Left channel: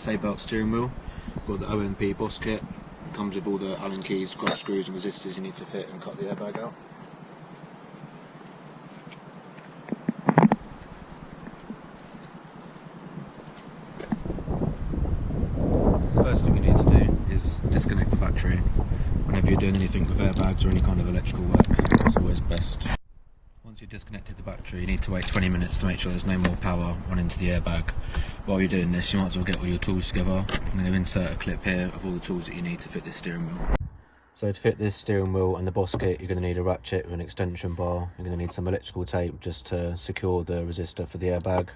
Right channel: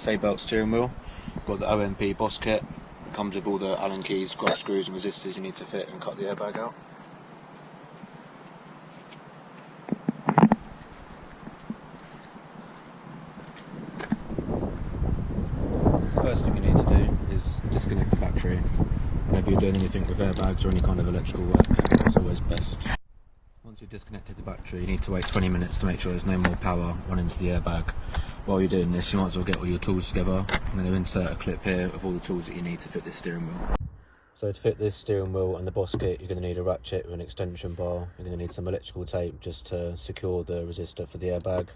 Sabelt steering wheel. Got the OMP boss kit. It comes with all the Allen keys, got screws and resistors you need to fit and cut the airbag out. First thing you need to do is disconnect the battery. Whenever you're doing anything with airbags or any kind of electrical work, it's always best. Once you've disconnected the battery, you need to wait 20 minutes to make sure there's no more power running to the airbag. While you're doing this, you might as well get all your tools together. I'm going to insert a clip here of all the tools that you need to fit this steering wheel. So to fit this steering wheel and the boss kit, you're going to need a ratchet with an extension bar. You're going to need some electrical tape just to secure the resistor for the airbag.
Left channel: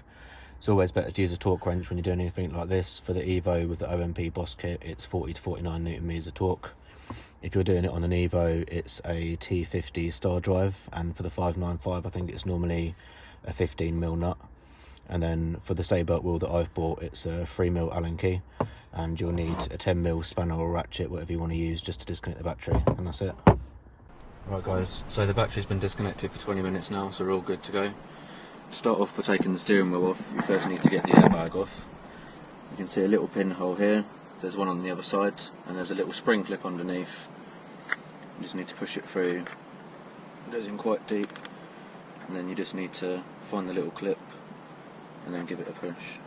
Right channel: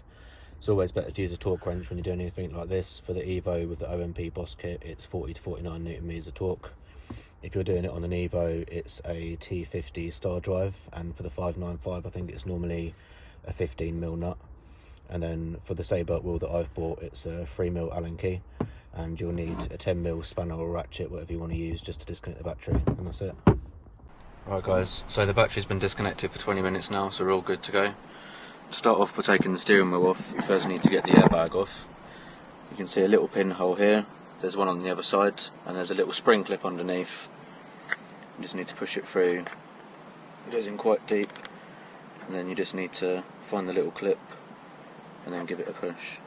It's always better to use a torque wrench when you're doing anything like this. For the Evo with the OMP boss kit, it's 40 to 49 Newton meters of torque. If you're doing it on an Evo, it's a T50 star drive, and for the 595 I think it's normally a 15mm nut. And then for the Sabelt wheel that I've bought, it's a 3mm Allen key, and you'll need a 10mm spanner or ratchet, whatever you want to use, just to disconnect the battery, and that's it. Alright guys, so the battery's been disconnected for 20 minutes now, so we're all good to go. To start off by taking the steering wheel off, you first need to get the airbag off. You can see a little pinhole here, there's one on the other side, and there's a little spring clip underneath. You just need to push it through. It goes in quite deep, and then you just need to find the little clip and then give it a push.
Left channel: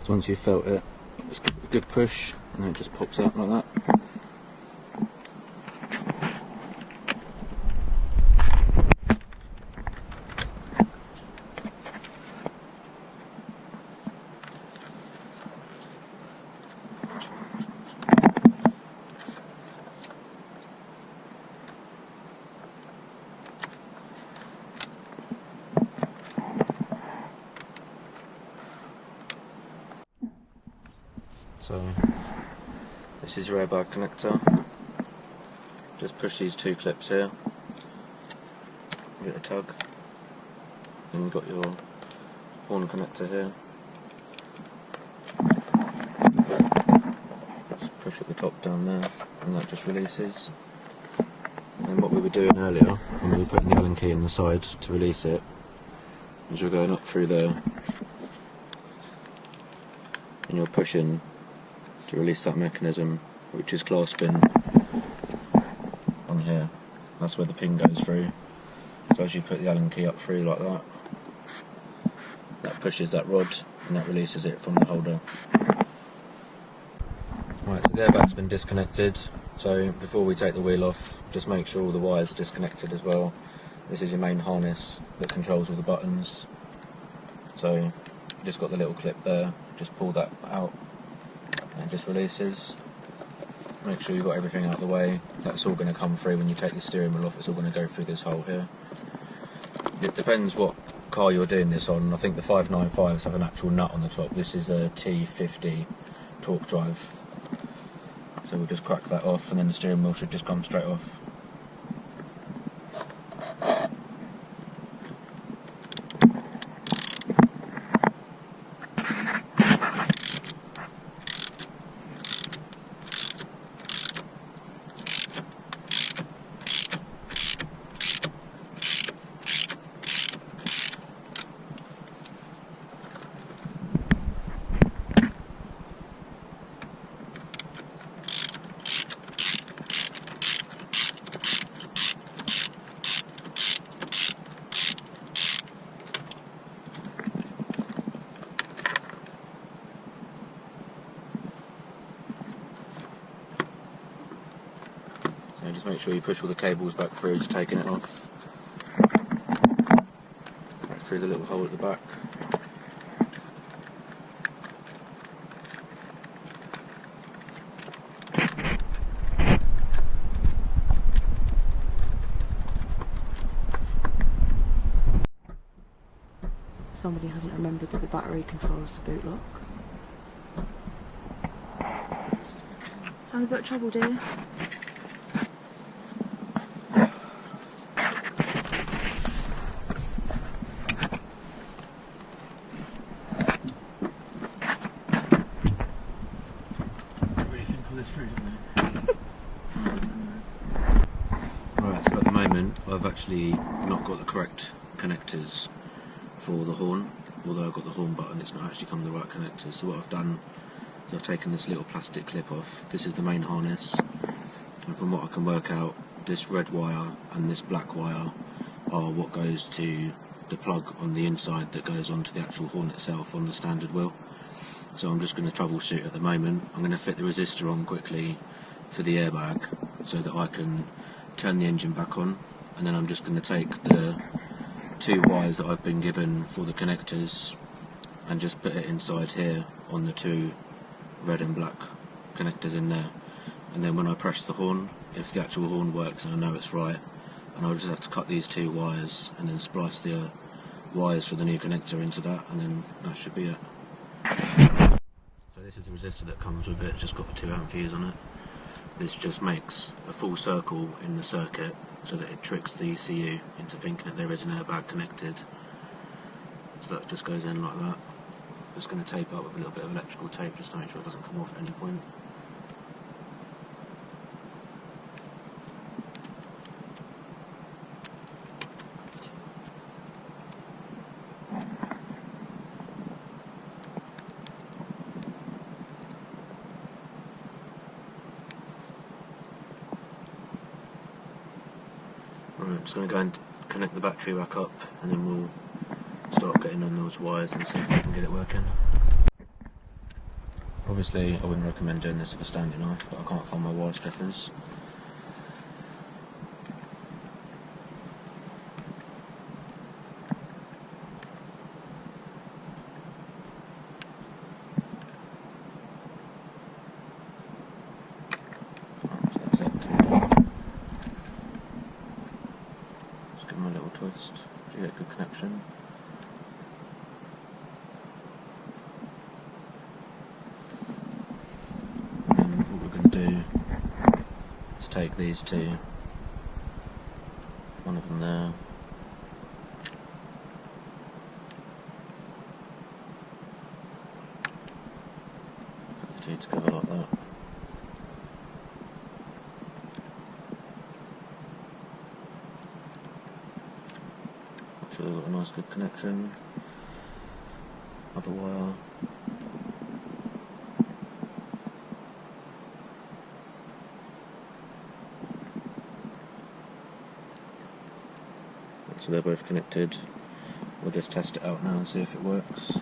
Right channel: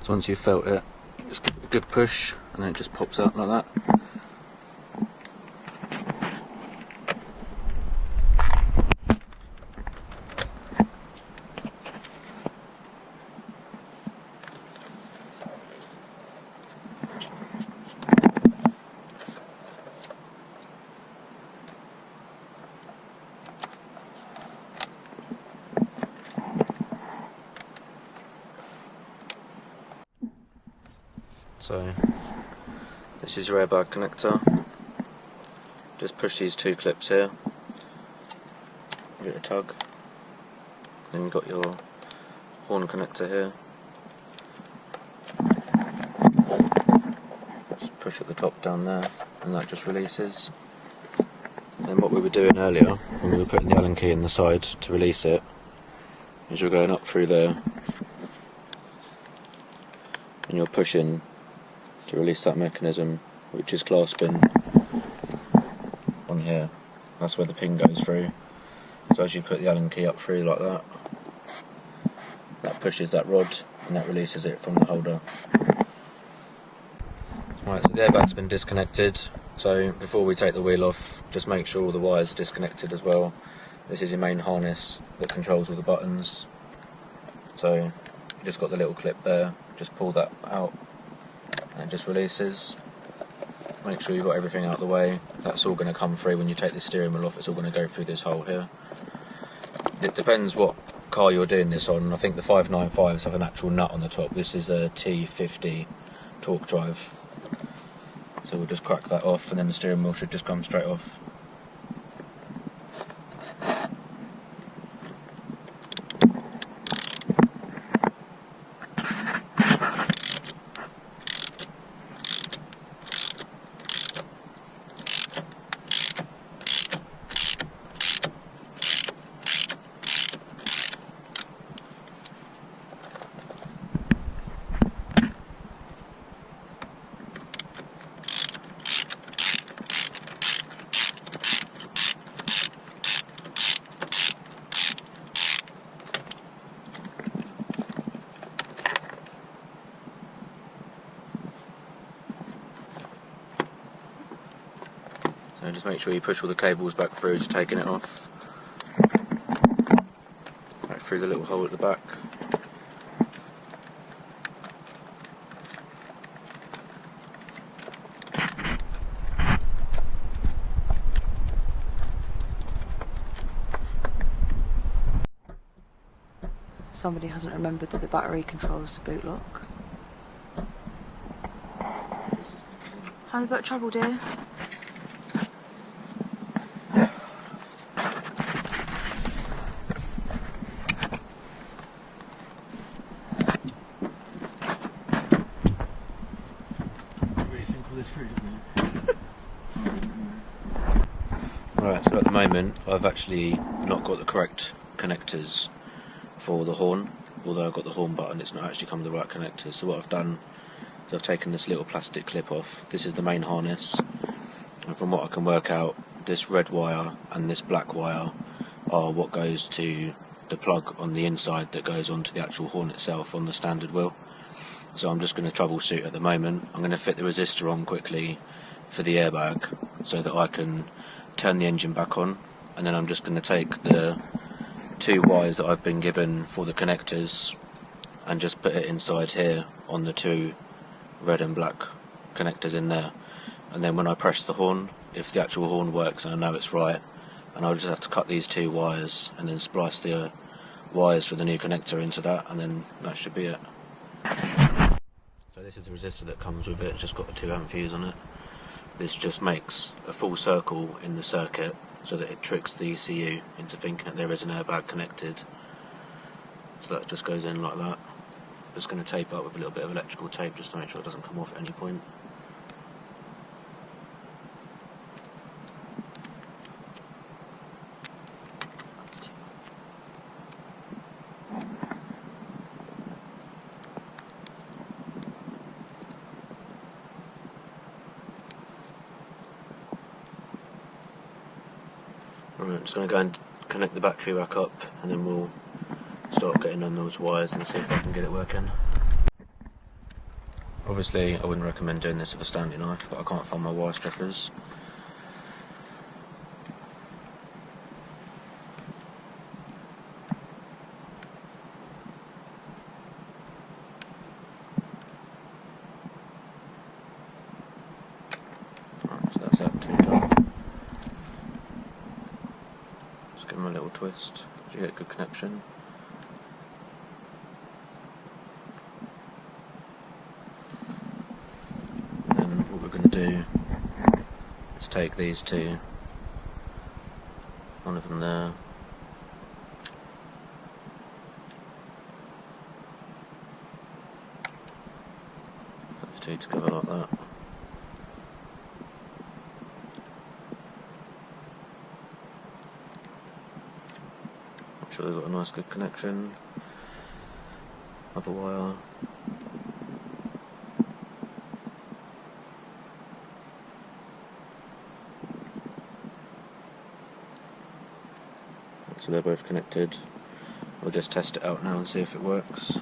So once you've felt it, just give it a good push and then it just pops out like that. So this is your airbag connector. Just push these two clips here, give it a tug, then you've got your horn connector here. Just push at the top down there and that just releases. And what we were doing earlier when we were putting the Allen key in the side to release it is you're going up through there and you're pushing to release that mechanism, which is clasping on here. That's where the pin goes through. So as you put the Allen key up through like that, that pushes that rod and that releases it from the holder. Right, so the airbag's been disconnected. So before we take the wheel off, just make sure all the wires are disconnected as well. This is your main harness that controls all the buttons. So you just got the little clip there, just pull that out and it just releases. Make sure you've got everything out of the way. That's all going to come through when you take the steering wheel off. It's all going to go through this hole here. It depends what car you're doing this on. I think the 595s have an actual nut on the top. This is a T50 torque drive. So we'll just crack that off and then the steering wheel should just come straight off. So just make sure you push all the cables back through, just taking it off. Right through the little hole at the back. Somebody hasn't remembered that the battery controls the boot lock. Having a bit of trouble, dear? think all this through, didn't Right, so at the moment I've actually not got the correct connectors for the horn. Although I've got the horn button, it's not actually come with the right connectors. So what I've done is I've taken this little plastic clip off. This is the main harness, and from what I can work out, this red wire and this black wire are what goes to the plug on the inside that goes onto the actual horn itself on the standard wheel. So I'm just going to troubleshoot at the moment. I'm going to fit the resistor on quickly for the airbag so that I can turn the engine back on, and then I'm just going to take the 2 wires that I've been given for the connectors and just put it inside here on the 2 red and black connectors in there, and then when I press the horn, if the actual horn works and I know it's right, and I'll just have to cut these 2 wires and then splice the wires for the new connector into that, and then that should be it. So this is the resistor that comes with it. It's just got a 2 amp fuse on it. This just makes a full circle in the circuit so that it tricks the ECU into thinking that there is an airbag connected. So that just goes in like that. Just going to tape up with a little bit of electrical tape just to make sure it doesn't come off at any point. Right, just going to go and connect the battery back up, and then we'll start getting on those wires and see if I can get it working. Obviously I wouldn't recommend doing this with a standing knife, but I can't find my wire strippers. Right, so that's that 2 done. Just give them a little twist to get a good connection. And then what we're going to do is take these 2, one of them there, put the 2 together like that. Make sure they've got a nice good connection. Other wire. So they're both connected. We'll just test it out now and see if it works.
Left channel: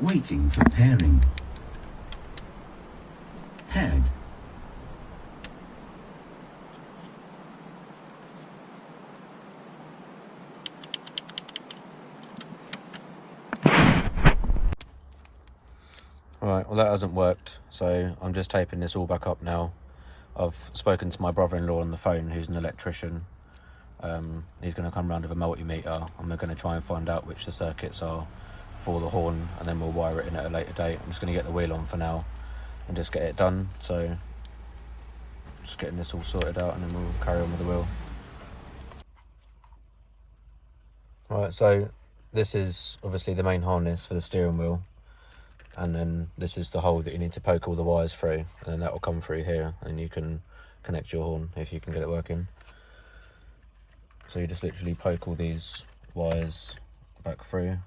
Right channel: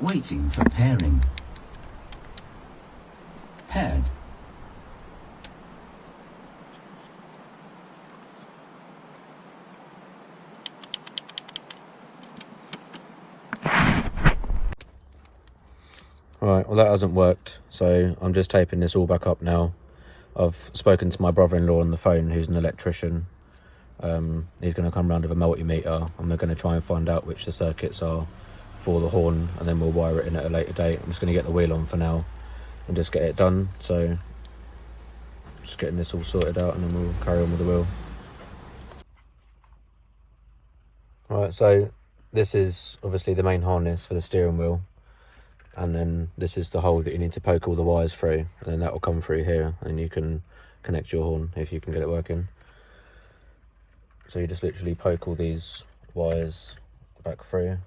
Waiting for pairing. Paired. Right, well that hasn't worked, so I'm just taping this all back up now. I've spoken to my brother-in-law on the phone, who's an electrician. He's going to come round with a multimeter, and we're going to try and find out which the circuits are for the horn, and then we'll wire it in at a later date. I'm just going to get the wheel on for now and just get it done. So just getting this all sorted out, and then we'll carry on with the wheel. Right, so this is obviously the main harness for the steering wheel, and then this is the hole that you need to poke all the wires through, and then that will come through here, and you can connect your horn if you can get it working. So you just literally poke all these wires back through.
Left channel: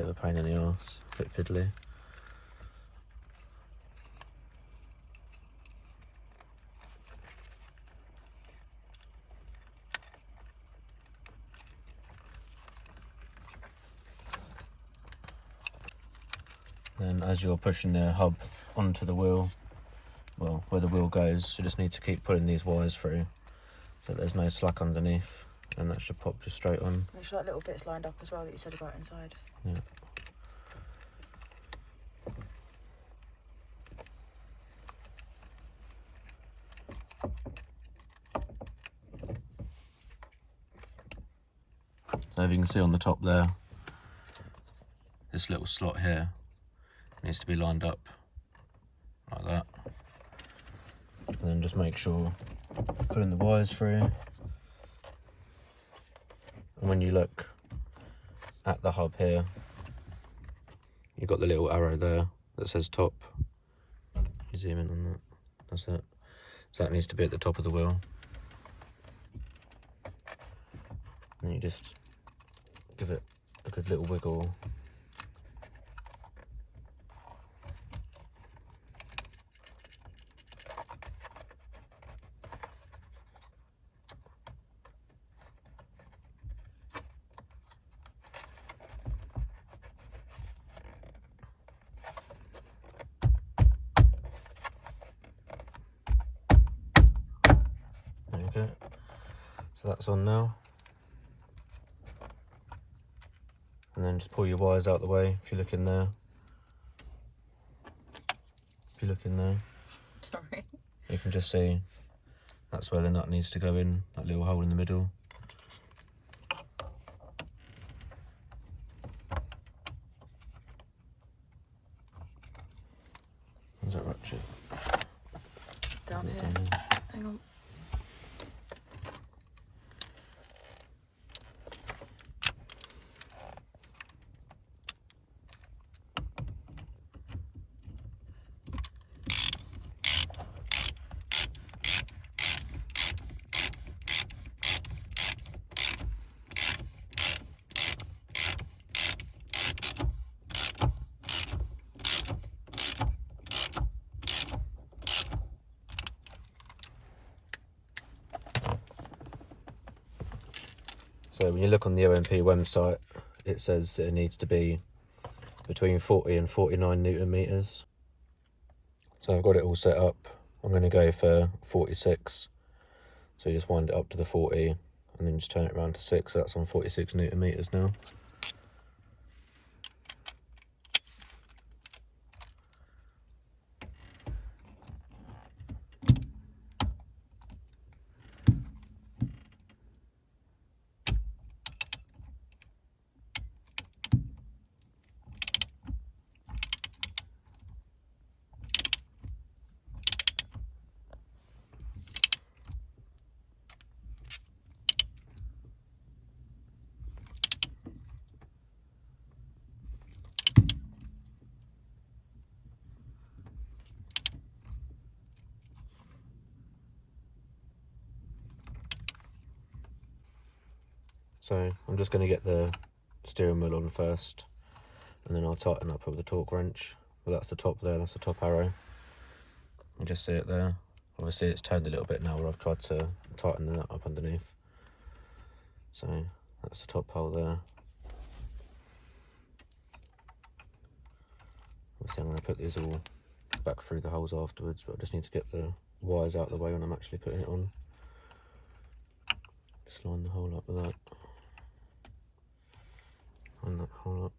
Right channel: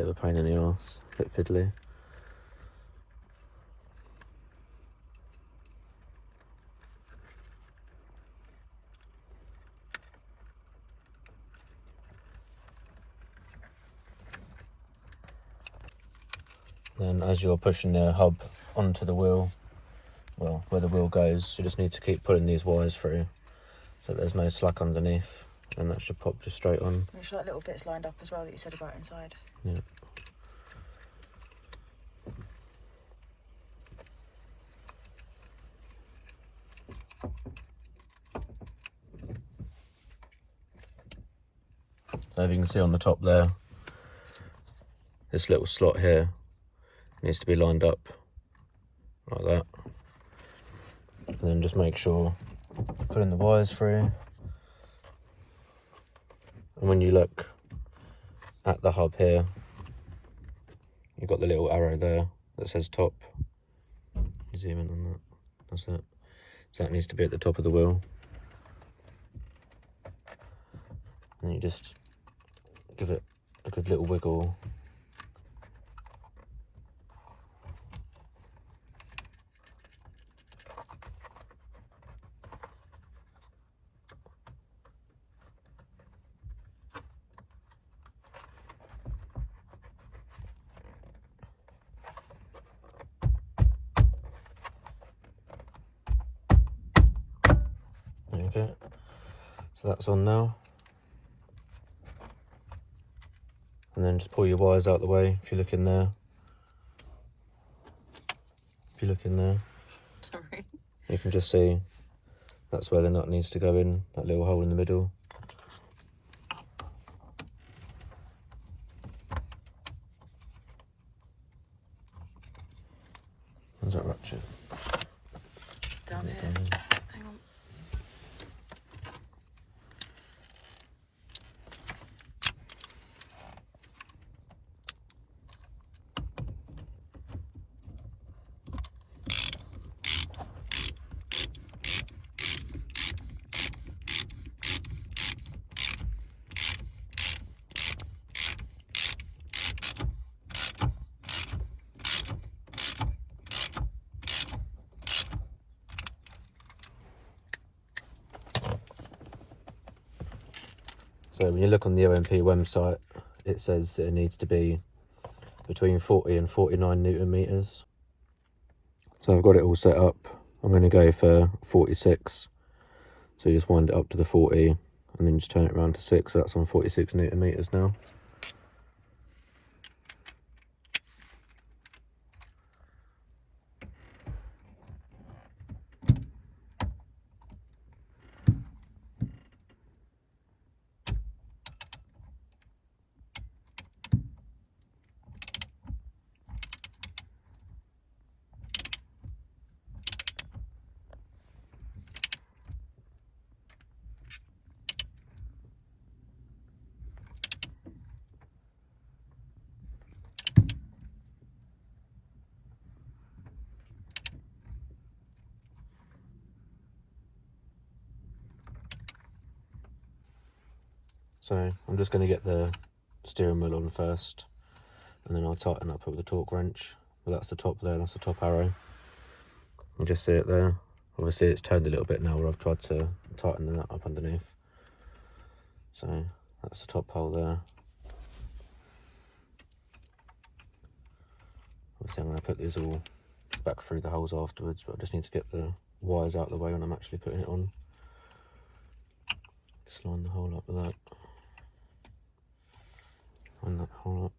bit of a pain in the arse, a bit fiddly. Then as you're pushing the hub onto the wheel, well, where the wheel goes, you just need to keep pulling these wires through so there's no slack underneath, and that should pop just straight on. Make sure that little bit's lined up as well that you said about inside. Yeah. So if you can see on the top there, this little slot here needs to be lined up like that. And then just make sure putting the wires through. And when you look at the hub here, you've got the little arrow there that says top. You zoom in on that, that's it. So that needs to be at the top of the wheel. And you just give it a good little wiggle. There you go. So that's on now. And then just pull your wires out the way if you look in there. If you look in there, Sorry. you can just see that's where the nut needs to go in, that little hole in the middle. There's that ratchet. Down here. Down there. Hang on. So when you look on the OMP website, it says that it needs to be between 40 and 49 Newton meters. So I've got it all set up. I'm going to go for 46. So you just wind it up to the 40 and then just turn it around to 6. So that's on 46 Newton meters now. So I'm just going to get the steering wheel on first, and then I'll tighten up with the torque wrench. But that's the top there, that's the top arrow. You just see it there. Obviously it's turned a little bit now where I've tried to tighten the nut up underneath. So that's the top hole there. Obviously I'm going to put these all back through the holes afterwards, but I just need to get the wires out of the way when I'm actually putting it on. Just line the hole up with that. Line that hole up.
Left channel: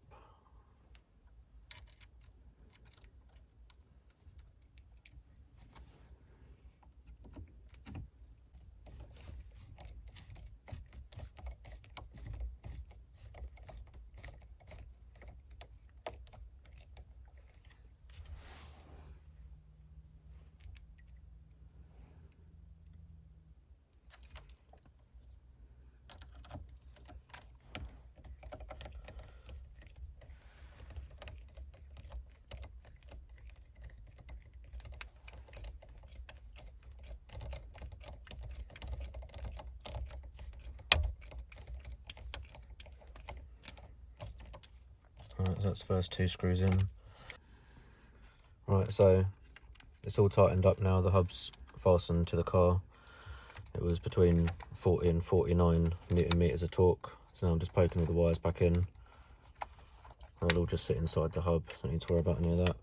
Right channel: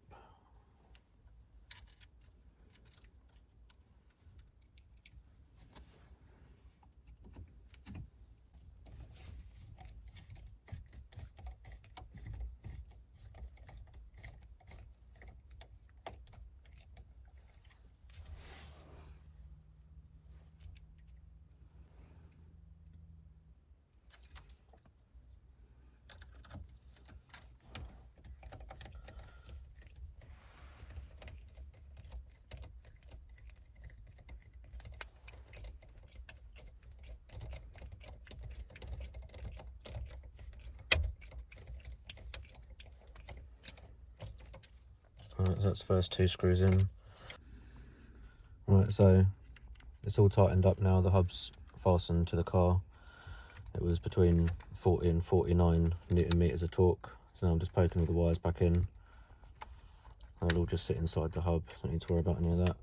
That's the first 2 screws in. Right, so it's all tightened up now. The hub's fastened to the car. It was between 40 and 49 Newton meters of torque. So now I'm just poking all the wires back in. They'll all just sit inside the hub. Don't need to worry about any of that.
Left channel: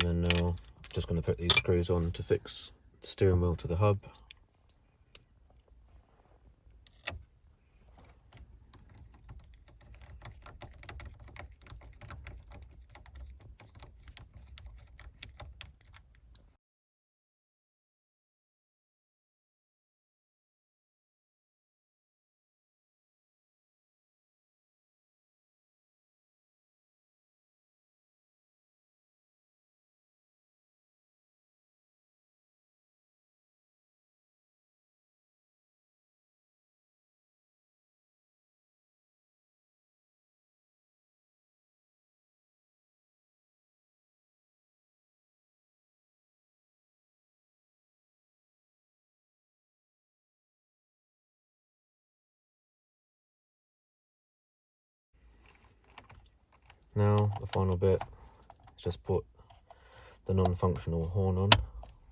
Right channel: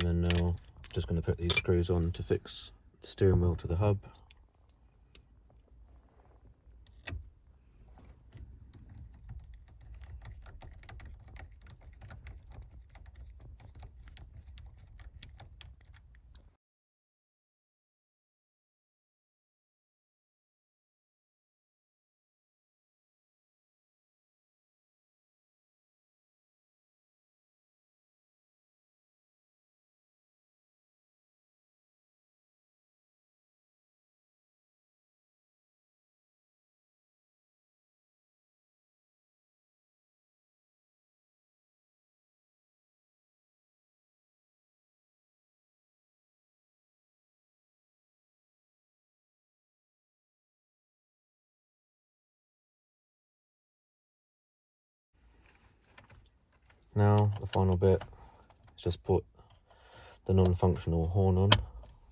And then now I'm just going to put these screws on to fix the steering wheel to the hub. Now the final bit is just put the non-functional horn on.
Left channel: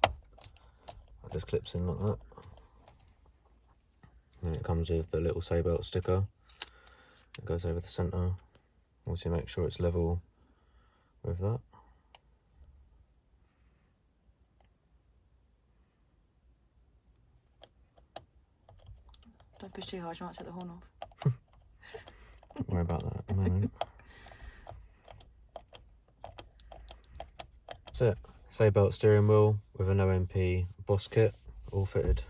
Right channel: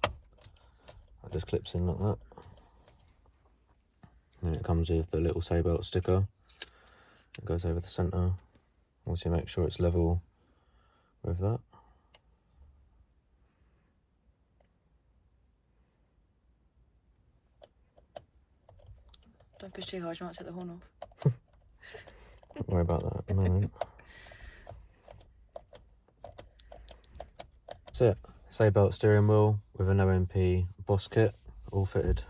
It just clips in like that. And then it comes with the little Sabelt sticker. It goes over the centre. Once you make sure it's level with that. Don't push too hard, you might set the horn off. Don't worry about that at the moment. That's it. Sabelt steering wheel with an OMP Boss kit, all fitted.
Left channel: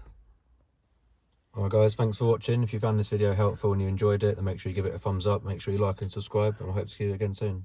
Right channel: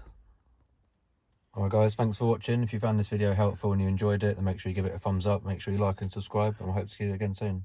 Alright guys, thanks for watching. If you found this video helpful and you enjoyed it, then make sure you give it a thumbs up, make sure you like and subscribe, and I hope to see you again soon.